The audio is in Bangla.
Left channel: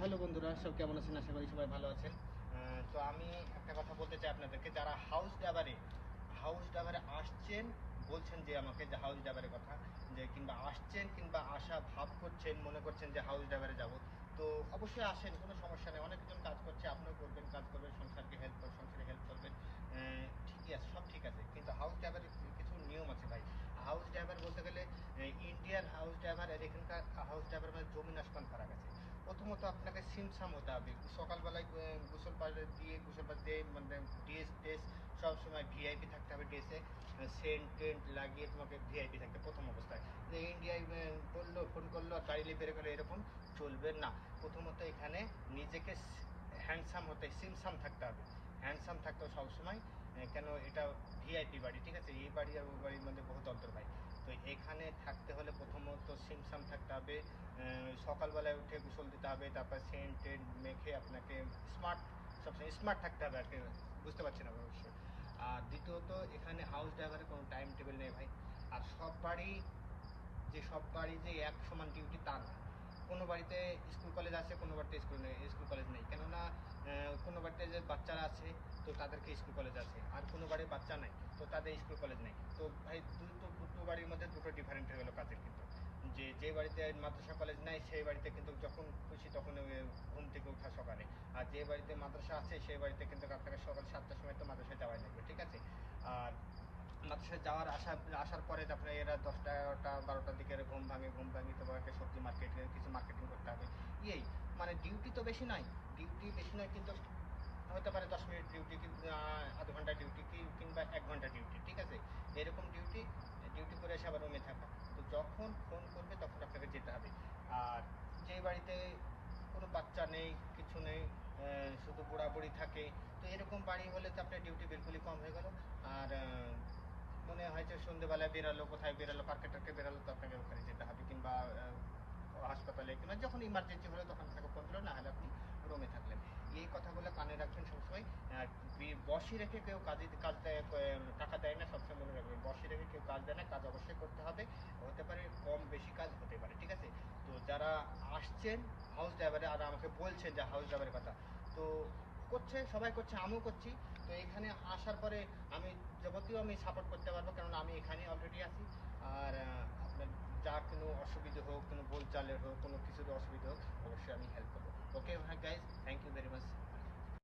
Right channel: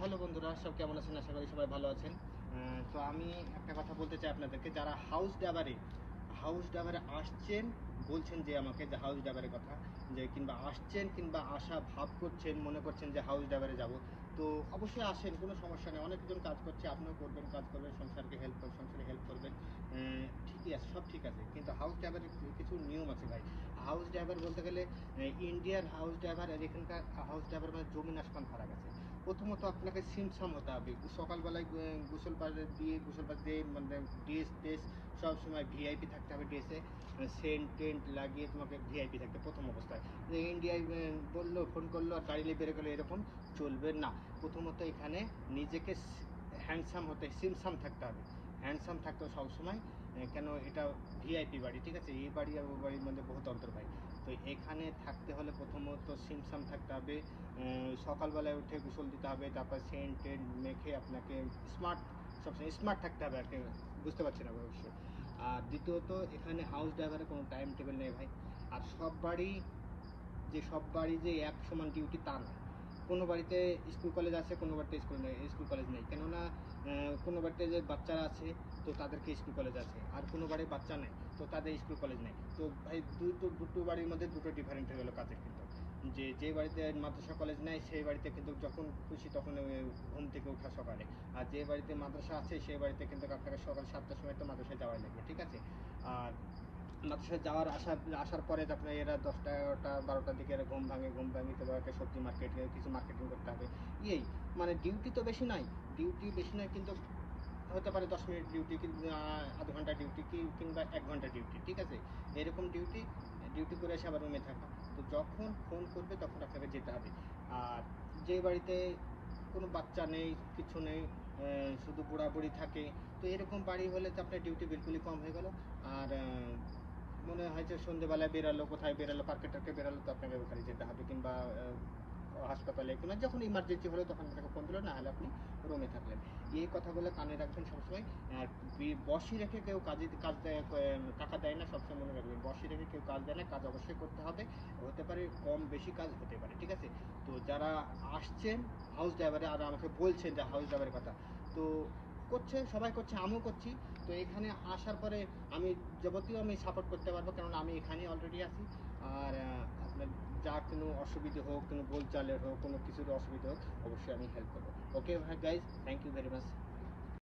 হ্যালো বন্ধুরা, সব কেমন আছেন? আশা করি সবাই ভালো আছেন। তো আমি একটা কথা বলতে চাই আপনাদেরকে, যারা হাউস ডাবারে আসছেন, বলছেন যে আমাকে যে হাউস ডাবারের কথা, যে কিংবা আসছেন কিংবা আসা ভাব করছেন, মনে করছেন যে হাউস ডাবারে যাব, তো অবশ্যই আসেন, কোনো সমস্যা নেই। অনেকজন কাজ করছে, আপনিও করবেন, কাজ করবেন, সংসারে হেল্প করবেন। ঠিকই আছে, সব ঠিক আছে, কিন্তু হাউস ড্রাইভারের কিছু নিয়ম আছে ভাই। হাউস ড্রাইভার বলতে গেলে ইন্ডিয়ান হাউস ড্রাইভার আর এখানকার হাউস ড্রাইভার বা জমিন আসমান ফারাক আছে। প্রথমত আপনাকে সিমসাম হতে হবে। সকালবেলায় গোসল পার দিয়ে মানে ড্রেস টেস সবসময় ভিআইপি থাকতে হবে। ড্রেসে সেন্ট টেন্ট লাগিয়ে তোমাকে ভিআইপি থাকতে প্রথম অবস্থায়। যে ইন্ডিয়ায় বললো, ফোন করলো আর গাড়ি নিয়ে বেরো গেলো, এরকম চলবে না। প্রথমত এখানে নিজেকে হ্যান্ডসাম হতে, সিমসাম থাকতে হবে। হ্যান্ডসাম থাকতে হবে সবসময়। কেন, এটা ভিআইপি বাড়ি, ঠিক আছে? এই বাড়ি আর ওই বাড়ির মধ্যে বহুত অন্তর ভাই। তো এখানে থাকতে হলে প্রথমত সিমসাম থাকতে হবে। সকালবেলায় উঠে গোসল দিতে হবে, তারপর সেন্ট টেন্ট মেখে আপনাকে স্মার্ট, সবসময় স্মার্ট থাকতে হবে আর কি। বুঝতে পারছেন অবশ্যই। আর দ্বিতীয়ত, এখানে হাউস ড্রাইভারের কোনো টাইম টেবিল নেই ভাই। আর সব বাড়ি যে এক সমান ডিউটি তা না। কোনো বাড়িতে স্কুল কলেজ আছে, কোনো বাড়িতে স্কুল কলেজ নেই। কেননা কোনো বাড়িতে যে বাচ্চারা আছে, তো তাদেরকে স্কুল কলেজ আছে, আর কোনো বাড়ির বাচ্চা নেই, তো তাদের স্কুল কলেজ নেই। তো ভাই দুটো বাড়ির মধ্যে দুটো ডিফারেন্ট হয়ে গেলো কাজের কিন্তু। যে বাড়িতে মাদ্রাসা কলেজ নেই, সেই বাড়িতে কিন্তু যখন খুশি তখন ঘুম থেকে ওঠা সকালে। আর যে বাড়িতে মাদ্রাসা আছে, সেই বাড়িতে কিন্তু আপনাকে সকাল 7টার সময় তো মাদ্রাসায় যাওয়াই লাগবে, ঠিক আছে? আর মাদ্রাসায় আসার পরে আপনার এরা 10টা 11টা 12টার দিকে এরা ঘুম ভাঙে তোমাকে সবজি মার্কেট কিছু মার্কেটিং করতে হবে। এই মানে ডিউটি তো বেশি নয়, ডিউটি বেশি নয়, কিন্তু হতে পারে 10 মিনিট ডিউটি, কিন্তু আধ ঘন্টা ডিউটি কিংবা 1 ঘন্টা ডিউটি, ঠিক আছে? এরকম ডিউটি ডিউটি করে এসে আবার রুমে থাকবে। তো যখন ফোন করবে তখন আপনাকে যেতে হবে। আর যে বাড়িতে কোনো বাচ্চা নেই, কিছু নেই, শুধু বুড়া বুড়ি থাকে, তো এরকম বাড়ি হলে তো আপনার ডিউটি বিলকুলই কম হয়ে গেল। আর মনে হয় যে সন্ধ্যেবেলায় বেরালো, কোথায় বেরালো, পার্কে টার্কে বেরালো, তো আপনাকে ওখানে যেতে হবে, কিংবা হাসপাতালে, কিংবা যখন ইমার্জেন্সি হলো তখন আপনাকে ফোন দিলো, না হলে আপনি রুমে থাকলেন। এই কথাগুলো কানে রাখবেন সবসময়। বসি রেখে কেউ কাজ দেয়, টাকা দেয় না, সবসময় মনে রাখবেন, বসি রেখে কেউ কাজ দেয় না, কাজ অবশ্যই করতে হবে। হতে পারে কম বেশি কাজ হতে পারে, ঠিক আছে? তো যারা আসছেন হাউস ড্রাইভারে আর আমাকে বলছেন যে হাউস ড্রাইভারের কথা, তো সবাই করছে, আমিও করছি। তো এখানে আসার পরে আমি যাবতীয় আমি সাপোর্ট করতে পারবো, কারণ আমি এখানে অলরেডি আছি। আর আপনার যা কোনো অসুবিধা হোক, কোনো বোলচালের হোক, কোনো কিছুর অসুবিধা হোক, অবশ্যই আমি হেল্প করবো। Okay guys, thank you very much.